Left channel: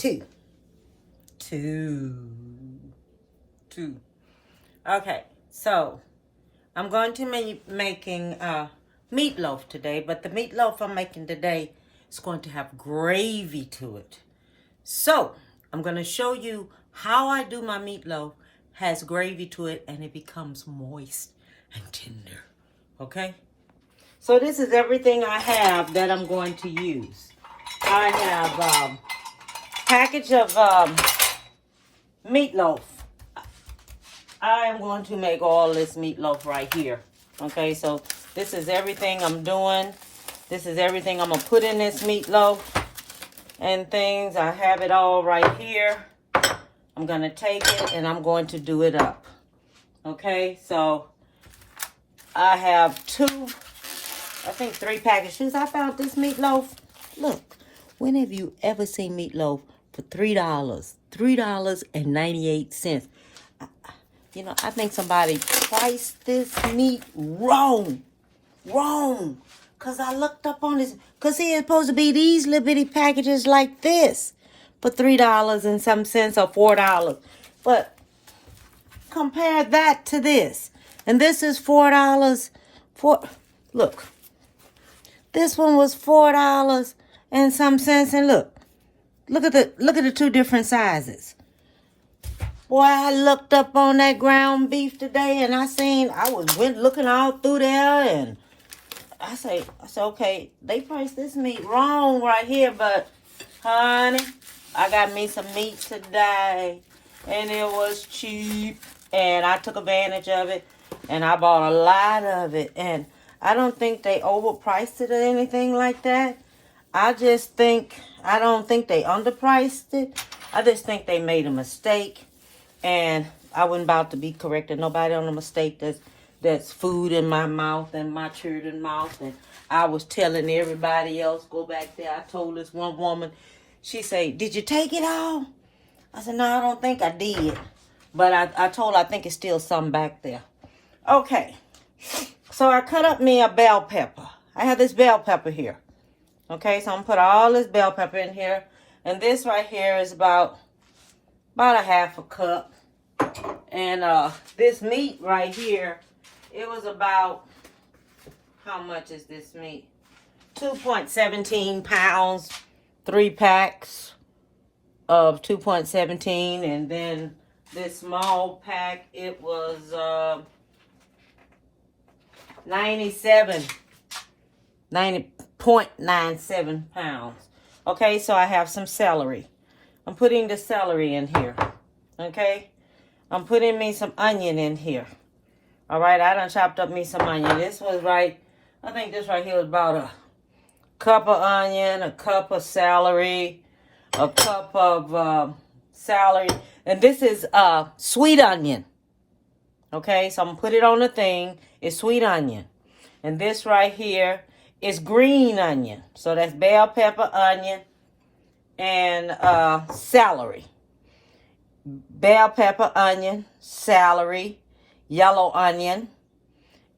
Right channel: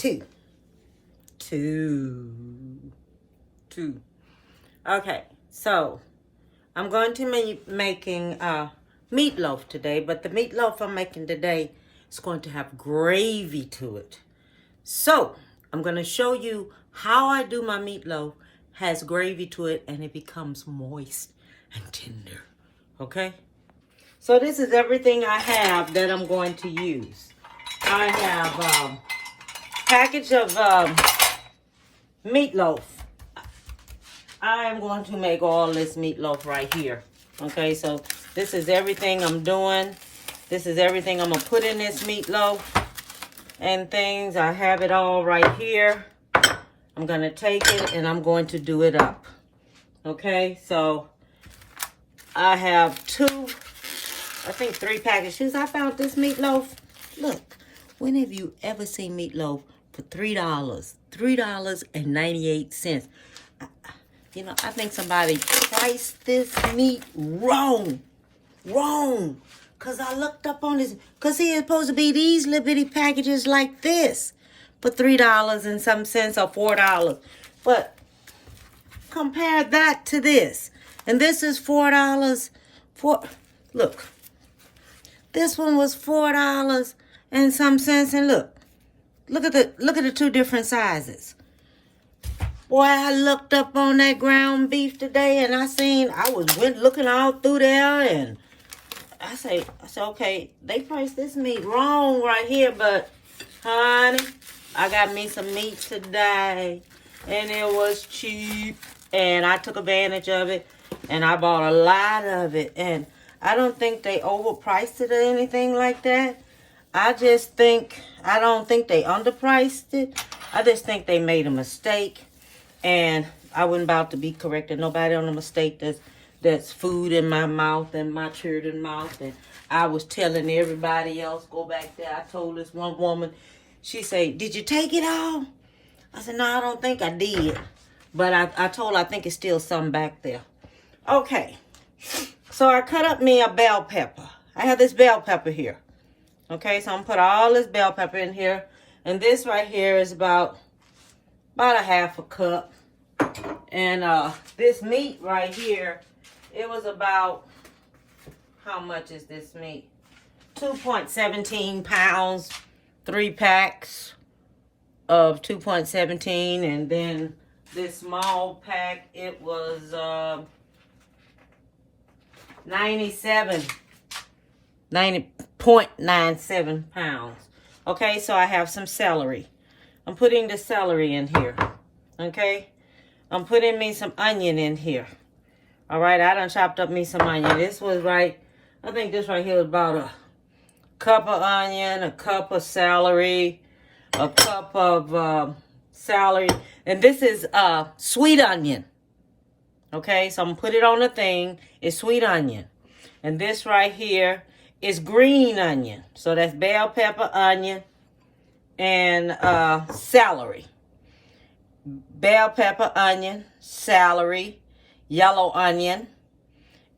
two. Okay, so I'm going to be making meatloaf today, but the meatloaf I'm making today is going to have gravy to it. So I'm going to show you how I do my meatloaf. Has gravy to it and it becomes moist and tender. Okay? So this is everything I have that I'm going to use. I have a package of meatloaf. I am going to make all this meatloaf right here. Okay, so this is everything I'm doing. This is everything I'm going to put in this meatloaf and things. I have it all right here. I'm going to take it and I'm going to do it up. Okay, so I have three packages. I found this meatloaf. Look, when have you ever seen meatloaf for $3? $3.98. You know, I think somebody priced this meat wrong. Because I looked up on this. Because see, it's supposed to be these little bitty packages like this for $3 and some cents or $4. But compare that to this. And this is $4. Look. This one was $4 and some cents. And look at the two different sizes. Boy, I looked up on that ground beef today and I went looking all through there and I said, okay, they priced this meat wrong right here, but honey, I got me some meat today and it was cheap and I took advantage of it and I bought a lot of it, and I don't think they overpriced it or anything like that. I don't think they underpriced it. I just think they made a mistake. And I wasn't about to be correcting nobody on a mistake. That's food in my mouth and my children's mouth. And I was telling everybody else, go back there. I told this one woman, she said, did you take it all? I said, no, I don't think I did. But I told her I think it's still some back there. Okay. So I cut up me a bell pepper. I have this bell pepper here. Okay, so I'm going to put all this bell pepper in here. And this right here is about a half a cup. And this meat right here, it was about, how much is this meat? 2.17 pounds, 3 packs of 2.17. And then this small pack, it was 90.97 pounds. Okay, so I have some celery. I'm putting the celery in here. Okay, I'm putting me some onion in here. All right, I done chopped up me some onion. This was I think this right here was about a cup of onion, a cup of celery, a cup of celery. And this is sweet onion. Okay, so I'm going to put it on the thing. It's sweet onion. And this right here is green onion. So that's bell pepper, onion, and celery. Bell pepper, onion, celery, yellow onion,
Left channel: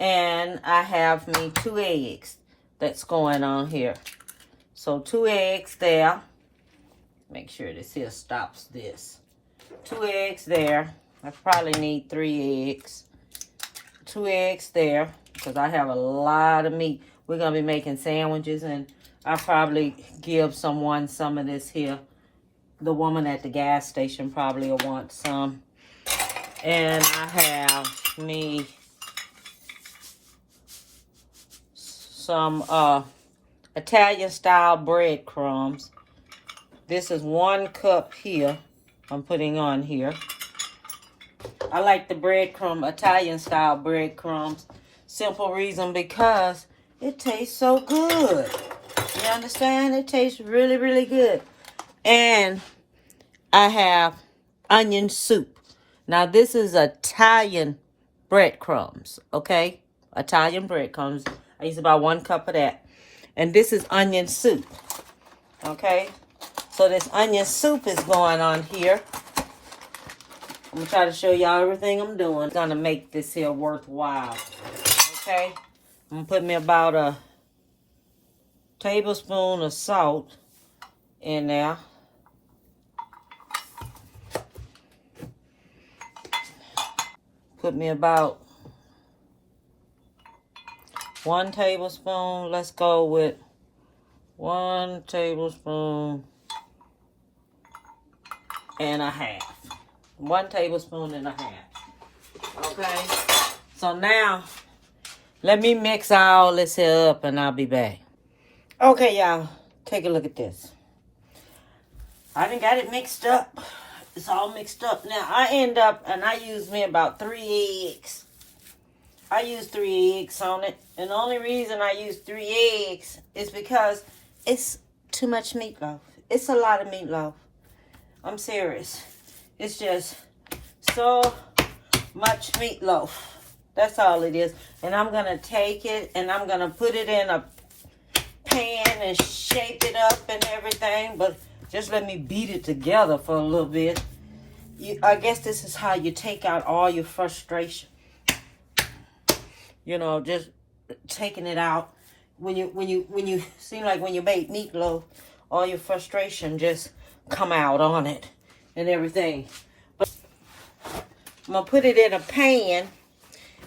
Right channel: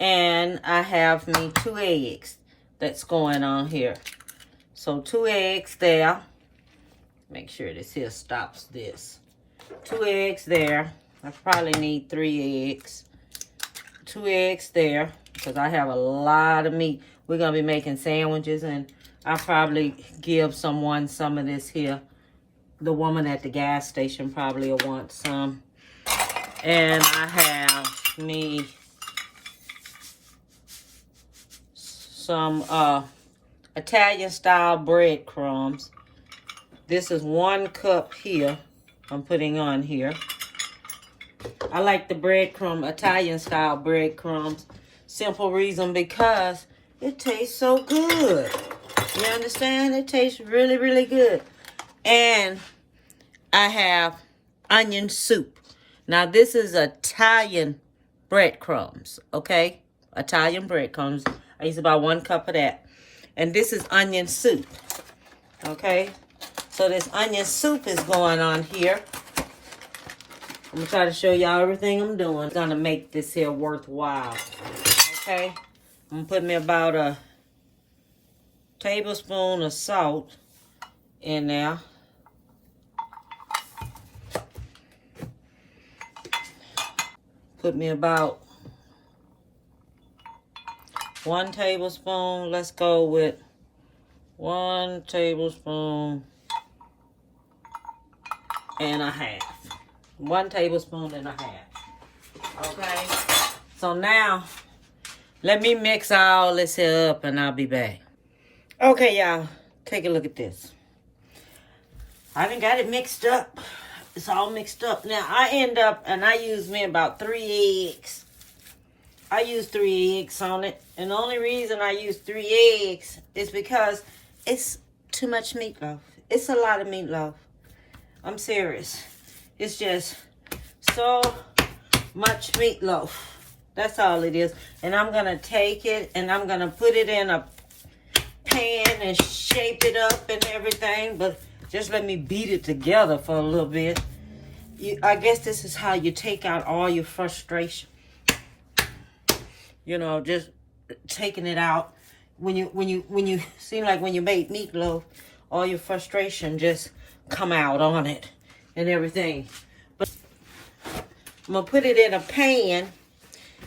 and I have me 2 eggs that's going on here. So 2 eggs there. Make sure this here stops this. 2 eggs there. I probably need 3 eggs. 2 eggs there because I have a lot of meat. We're going to be making sandwiches, and I'll probably give someone some of this here. The woman at the gas station probably will want some. And I have me some Italian style breadcrumbs. This is 1 cup here I'm putting on here. I like the Italian style breadcrumbs. Simple reason, because it tastes so good. You understand? It tastes really, really good. And I have onion soup. Now, this is Italian breadcrumbs, okay? Italian breadcrumbs. I use about 1 cup of that. And this is onion soup, okay? So this onion soup is going on here. I'm going to try to show y'all everything I'm doing. I'm going to make this here worthwhile, okay? I'm going to put me about a tablespoon of salt in there. put me about 1 tablespoon. Let's go with 1 tablespoon and a half. 1 tablespoon and a half. Okay. So now, let me mix all this here up and I'll be back. Okay, y'all. Take a look at this. I done got it mixed up. It's all mixed up. Now, I end up, and I use me about 3 eggs. I use 3 eggs on it. And the only reason I use 3 eggs is because it's too much meatloaf. It's a lot of meatloaf. I'm serious. It's just so much meatloaf. That's all it is. And I'm going to take it and I'm going to put it in a pan and shape it up and everything. But just let me beat it together for a little bit. I guess this is how you take out all your frustration. You know, just taking it out. When you seem like when you make meatloaf, all your frustration just come out on it and everything. But I'm gonna put it in a pan,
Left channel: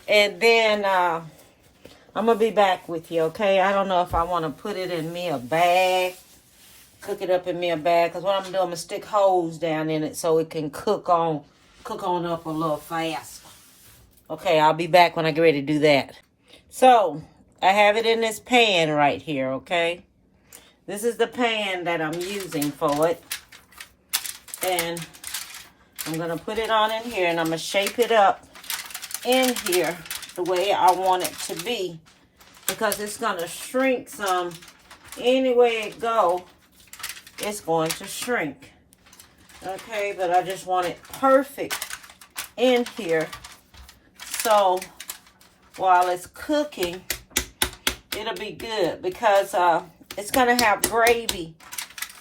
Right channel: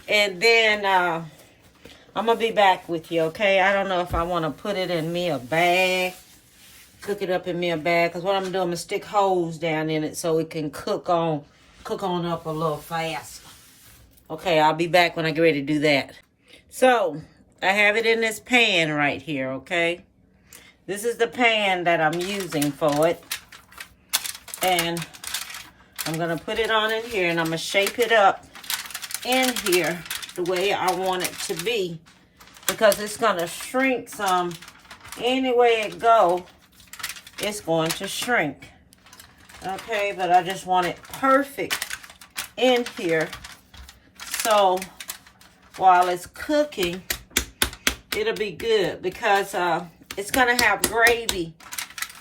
and then I'm gonna be back with you. Okay? I don't know if I want to put it in me a bag, cook it up in me a bag, because what I'm gonna do, I'm gonna stick holes down in it so it can cook on up a little faster. Okay, I'll be back when I get ready to do that. So, I have it in this pan right here, okay? This is the pan that I'm using for it. And I'm going to put it on in here and I'm going to shape it up in here the way I want it to be. Because it's going to shrink some. Any way it go, it's going to shrink. Okay, but I just want it perfect in here. So, while it's cooking, it'll be good because it's going to have gravy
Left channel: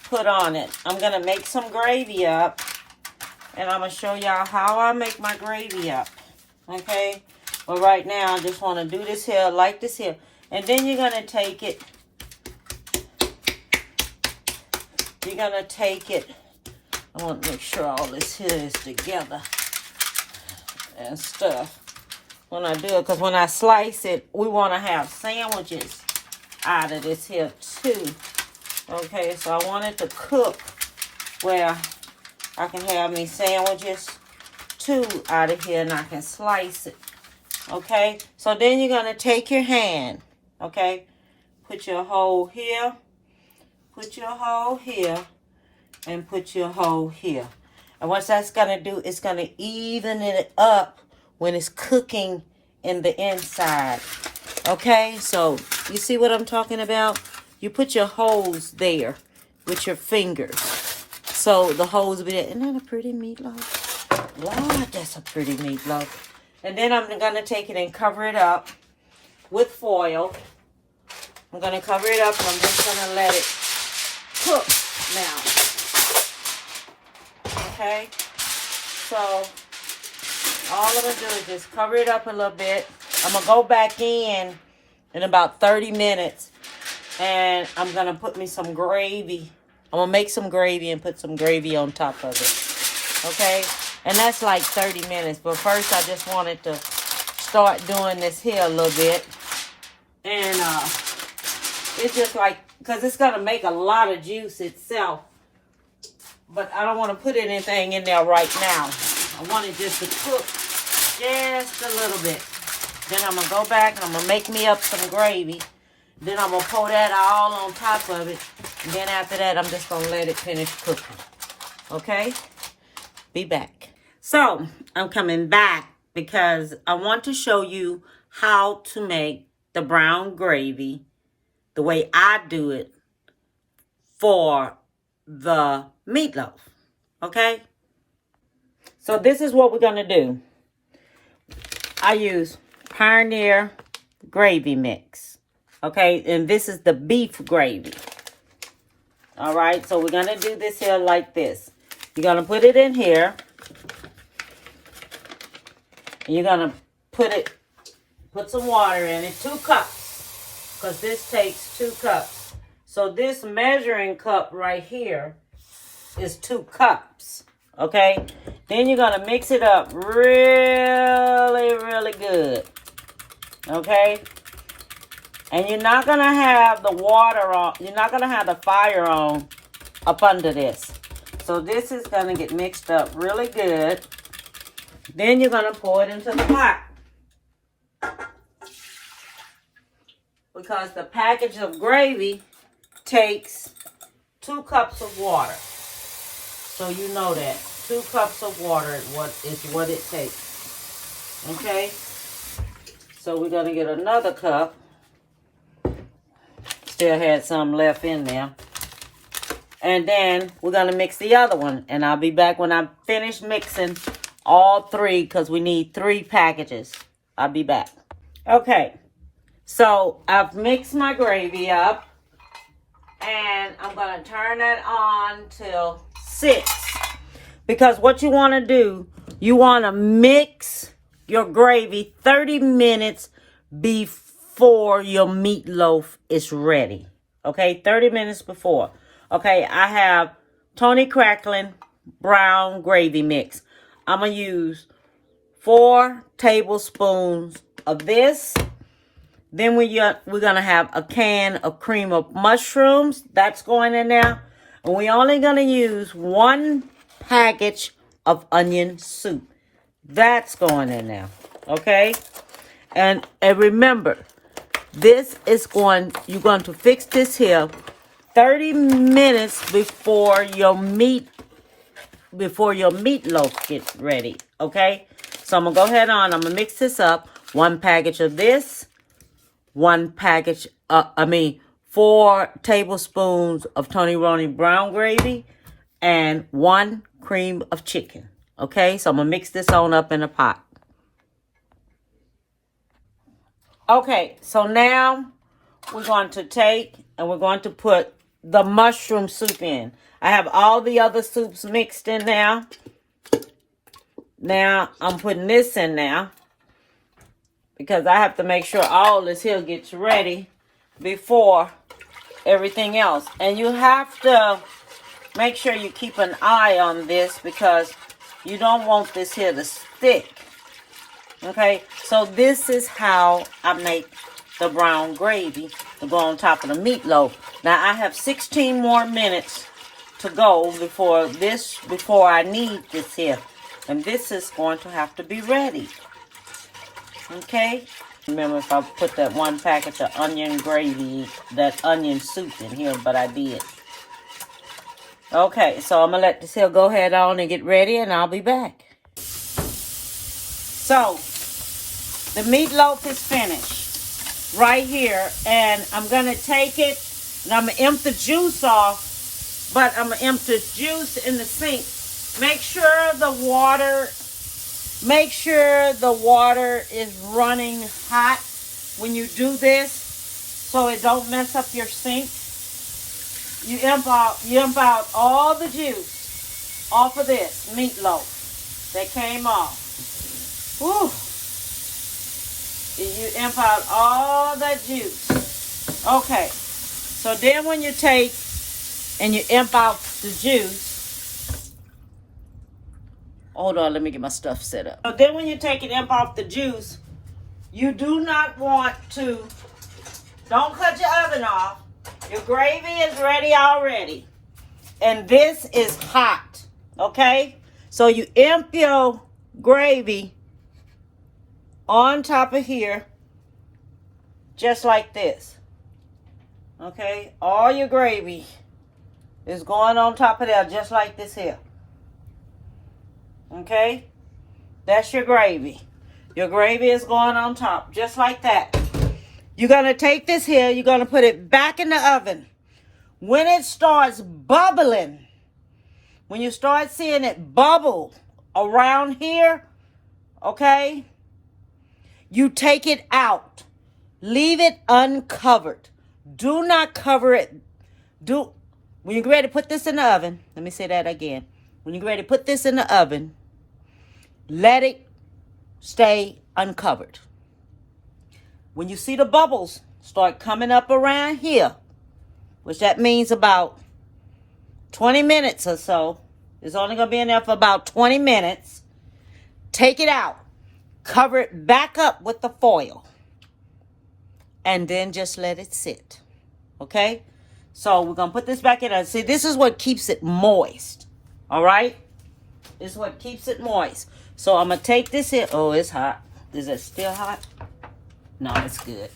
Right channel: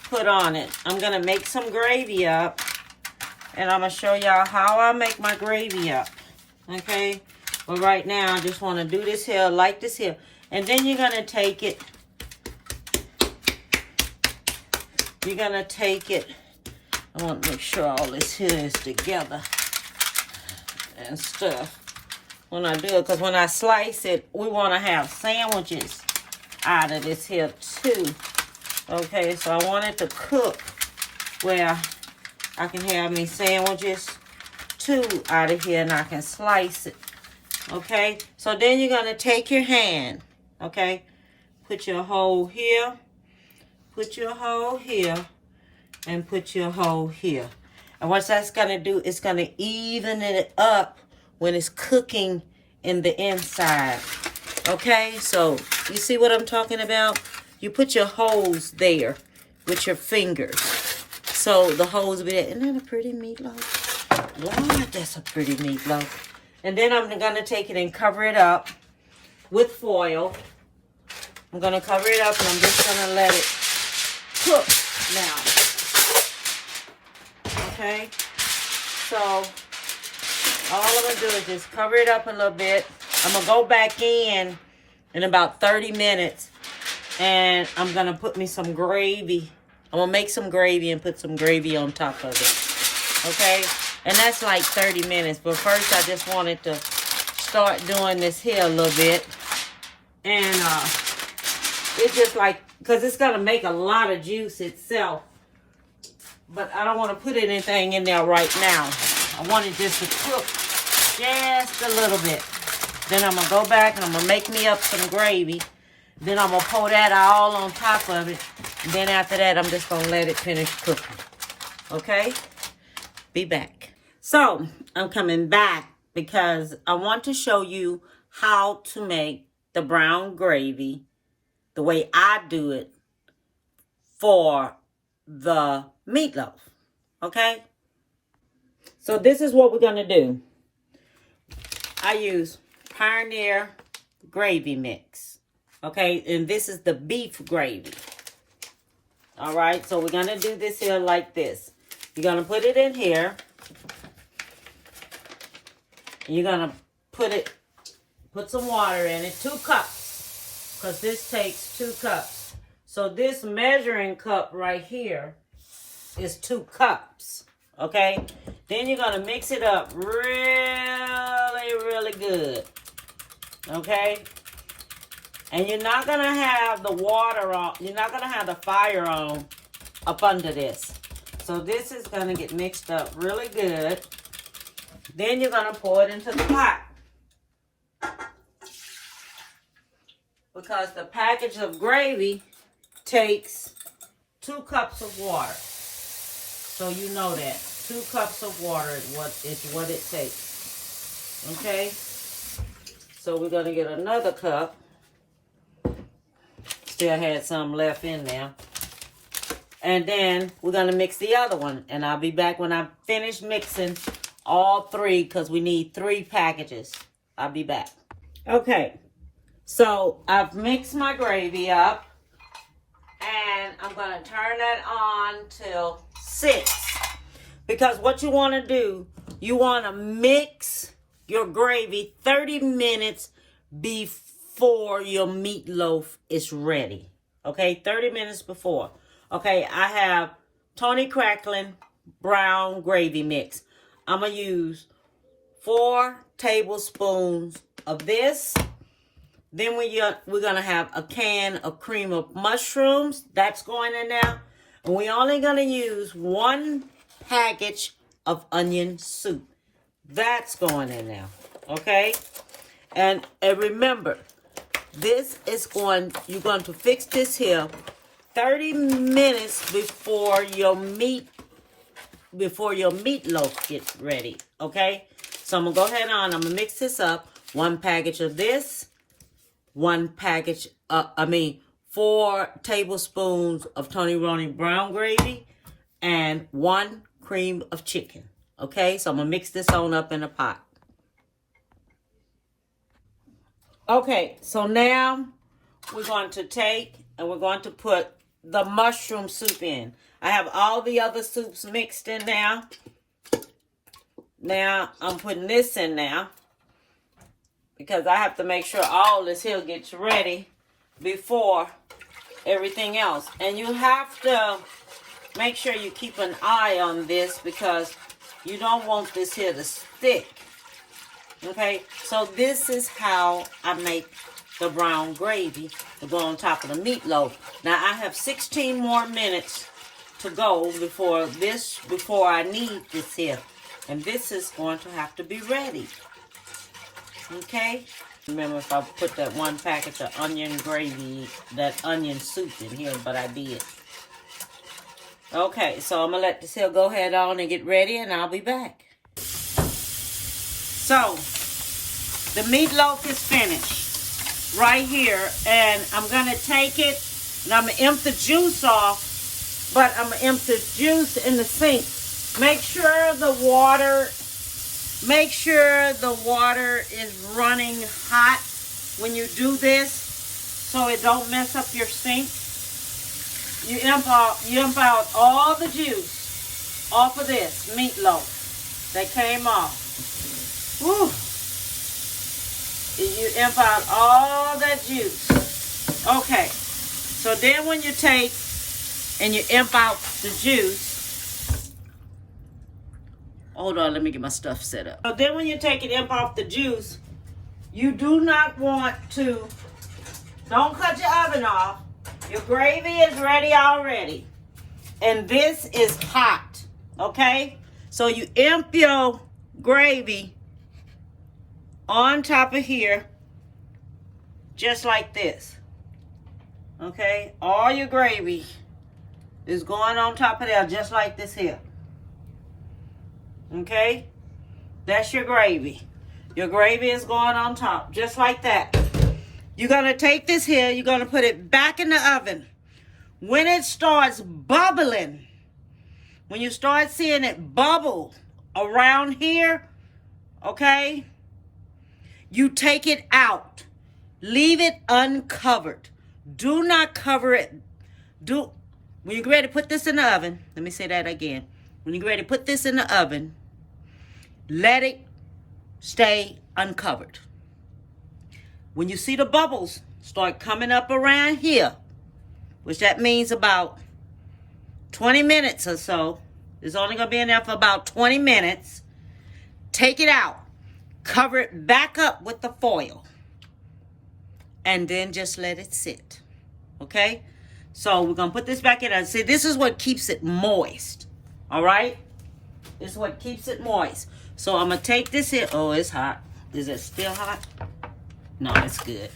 put on it. I'm going to make some gravy up, and I'm going to show y'all how I make my gravy up. Okay? But right now, I just want to do this here, like this here. And then you're going to take it. You're going to take it. I want to make sure all this here is together and stuff when I do it, because when I slice it, we want to have sandwiches out of this here too. Okay, so I want it to cook where I can have me sandwiches too out of here, and I can slice it. Okay, so then you're going to take your hand, okay, put your hole here, put your hole here, and put your hole here. And what that's going to do, it's going to even it up when it's cooking in the inside. Okay, so you see what I'm talking about? You put your holes there with your fingers. So the holes will be there. Isn't that a pretty meatloaf? Lord, that's a pretty meatloaf. And then I'm going to take it and cover it up with foil. I'm going to cover it up and I'm just going to let it cook now. Okay, so all I'm going to do is just cover it up a little bit. I'm going to go back in about 30 minutes. And I'm going to put me some gravy. I'm going to make some gravy and put some gravy on top of it. Okay? And that's like 30 minutes. But first, I just wanted to start doing this here a little bit. And it's just like, because it's going to make a lot of juice itself. But I don't want to put anything in there right now. I want it just to cook just a little bit. Then I'm going to go back and I'm going to make me up some gravy. Then I'm going to pour that all on top of it. And then after that, I'm just going to let it finish cooking. Okay? Be back. So, I'm coming back because I want to show you how to make the brown gravy the way I do it for the meatloaf. Okay? So, this is what we're going to do. I use Pioneer gravy mix. Okay, and this is the beef gravy. All right, so we're going to do this here like this. You're going to put it in here. You're going to put some water in it, 2 cups, because this takes 2 cups. So this measuring cup right here is 2 cups. Okay? Then you're going to mix it up really, really good. Okay? And you're not going to have the water on, you're not going to have the fire on up under this. So this is going to get mixed up really good. Then you're going to pour it into the pot. Because the package of gravy takes 2 cups of water. So you know that. 2 cups of water is what it takes. Okay? So we're going to get another cup. Still had some left in there. And then we're going to mix the other one. And I'll be back when I finish mixing all 3 because we need 3 packages. I'll be back. Okay. So I've mixed my gravy up. And I'm going to turn that on till 6. Because what you want to do, you want to mix your gravy 30 minutes before your meatloaf is ready. Okay, 30 minutes before. Okay, I have Tony Cracklin brown gravy mix. I'm going to use 4 tablespoons of this. Then we're going to have a can of cream of mushrooms. That's going in there. And we're only going to use 1 package of onion soup. That's going in there. Okay? And remember, this is you're going to fix this here 30 minutes before your meatloaf gets ready. Okay? So I'm going to go ahead on. I'm going to mix this up. 1 package of this. 4 tablespoons of Tony Roney brown gravy. And 1 cream of chicken. Okay? So I'm going to mix this on up in a pot. Okay, so now we're going to take and we're going to put the mushroom soup in. I have all the other soups mixed in now. Now I'm putting this in now because I have to make sure all this here gets ready before everything else. And you have to make sure you keep an eye on this because you don't want this here to stick. Okay, so this is how I make the brown gravy to go on top of the meatloaf. Now I have 16 more minutes to go before I need this here. And this is going to have to be ready. Okay? Remember if I put that 1 package of onion gravy, that onion soup in here, but I did. Okay, so I'm going to let this here go ahead on and get ready and I'll be back. So, the meatloaf is finished right here. And I'm going to take it and I'm going to empty the juice off. But I'm going to empty the juice in the sink. Make sure the water is running hot when you do this so it don't mess up your sink. You empty out all the juice off of this meatloaf that came off. Woo. You empty out all that juice. Okay. So then when you take and you empty out the juice. Hold on, let me get my stuff set up. So then when you take and empty out the juice, you do not want to, don't cut your oven off. Your gravy is ready already. And this is hot. Okay? So you empty your gravy on top of here, just like this. Okay? All your gravy is going on top of there, just like this here. Okay? That's your gravy. Your gravy is going on top, just like that. You're going to take this here, you're going to put it back in the oven. When it starts bubbling, when you start seeing it bubble around here, okay, you take it out. Leave it uncovered. Do not cover it. When you're ready to put this in the oven, let me say that again. When you're ready to put this in the oven, let it stay uncovered. When you see the bubbles start coming up around here, which that means about 20 minutes or so, It's only going to be in there for about 20 minutes. Take it out. Cover it back up with the foil. And then just let it sit. Okay? So we're going to put this back in. See, this is what keeps it moist. All right? This is what keeps it moist. So I'm going to take this here. Oh, it's hot. Is it still hot? No, it's good.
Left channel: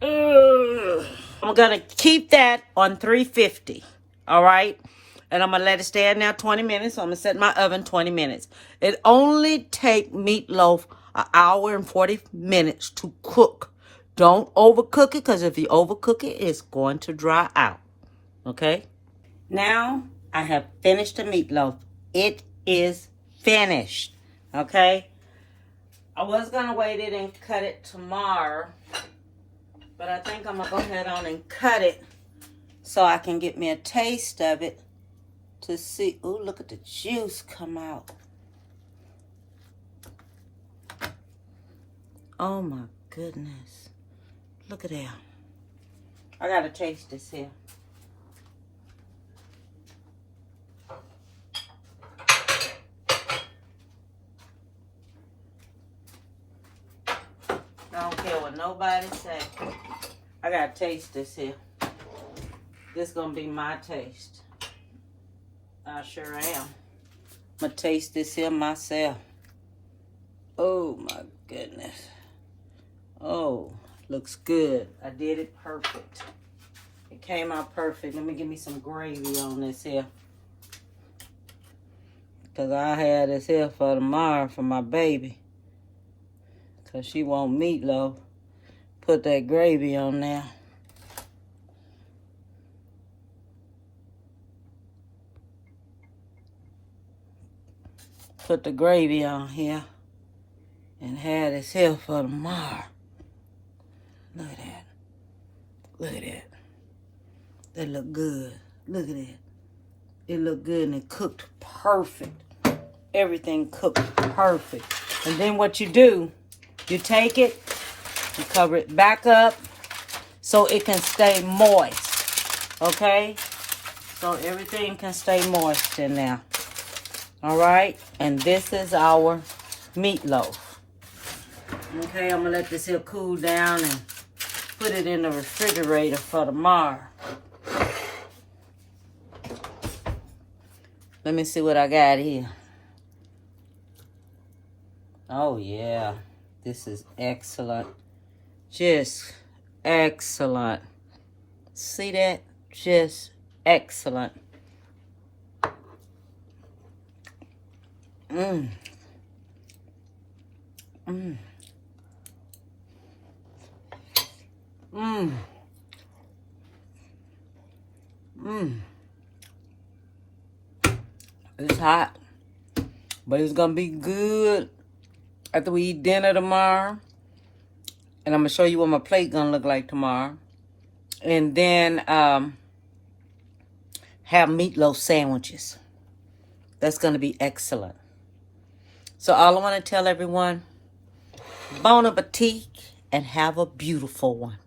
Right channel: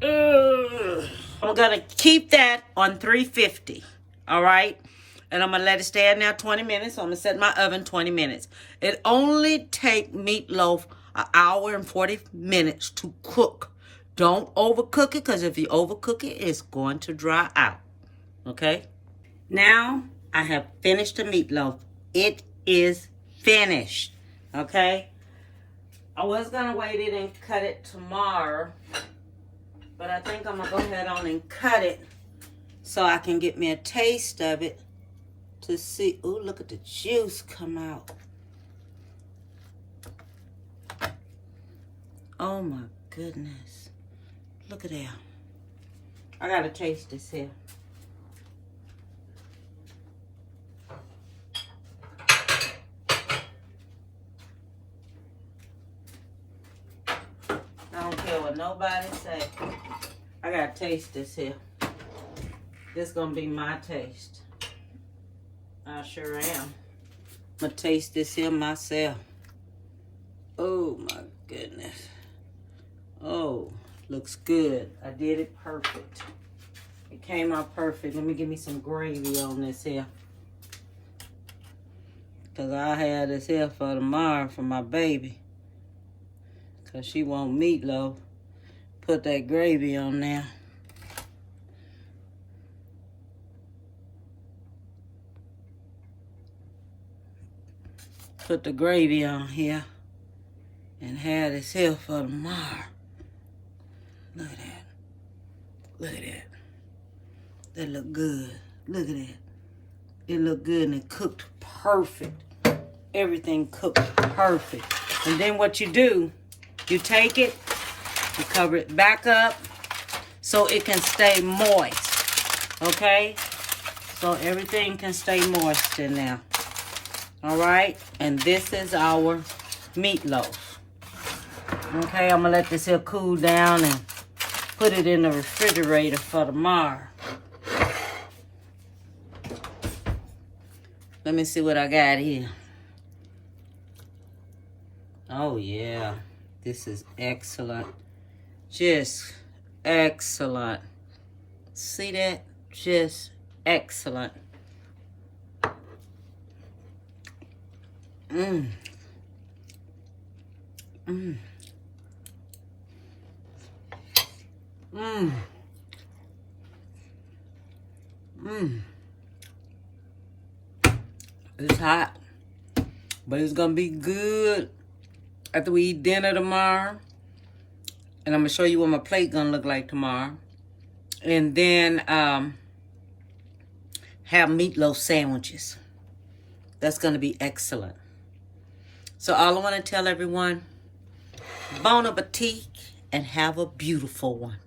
I'm going to keep that on 350. All right? And I'm going to let it stay in there 20 minutes. So I'm going to set my oven 20 minutes. It only take meatloaf an hour and 40 minutes to cook. Don't overcook it, because if you overcook it, it's going to dry out. Okay? Now, I have finished the meatloaf. It is finished. Okay? I was going to wait it and cut it tomorrow. But I think I'm going to go ahead on and cut it so I can get me a taste of it to see. Ooh, look at the juice come out. Oh, my goodness. Look at that. I got to taste this here. I don't care what nobody say. I gotta taste this here. This gonna be my taste. I sure am. I'm gonna taste this here myself. Oh my goodness. Oh, looks good. I did it perfect. It came out perfect. Let me give me some gravy on this here. Because I had this here for tomorrow for my baby. Because she want meatloaf. Put that gravy on there. Put the gravy on here. And have this here for tomorrow. Look at that. Look at that. That look good. Look at that. It look good and it cooked perfect. Everything cooked perfect. And then what you do, you take it, you cover it back up so it can stay moist. Okay? So everything can stay moist in there. Alright? And this is our meatloaf. Okay, I'm going to let this here cool down and put it in the refrigerator for tomorrow. Let me see what I got here. Oh, yeah. This is excellent. Just excellent. See that? Just excellent. Mmm. Mmm. Mmm. Mmm. It's hot, but it's gonna be good after we eat dinner tomorrow. And I'm gonna show you what my plate gonna look like tomorrow. And then have meatloaf sandwiches. That's gonna be excellent. So all I want to tell everyone, bon appetit and have a beautiful one.